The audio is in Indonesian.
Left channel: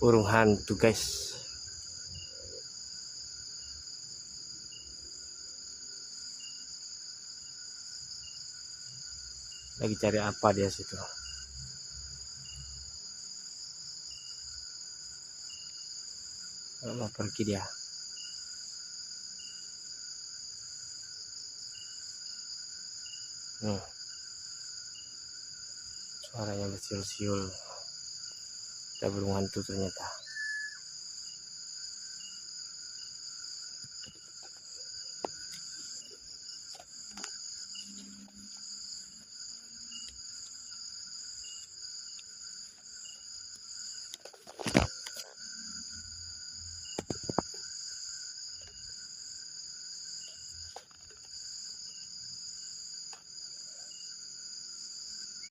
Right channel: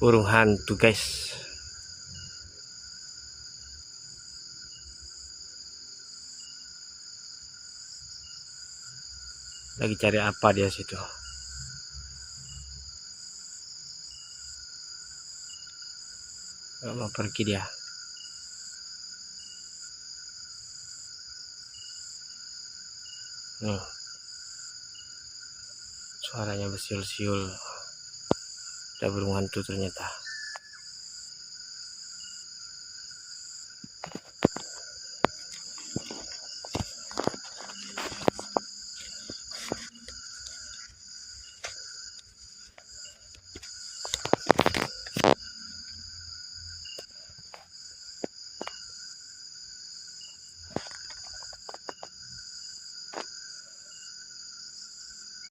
burung hantu guys. Lagi cari apa dia situ? Nggak mau pergi dia. Suaranya bersiul-siul. Ada burung hantu ternyata.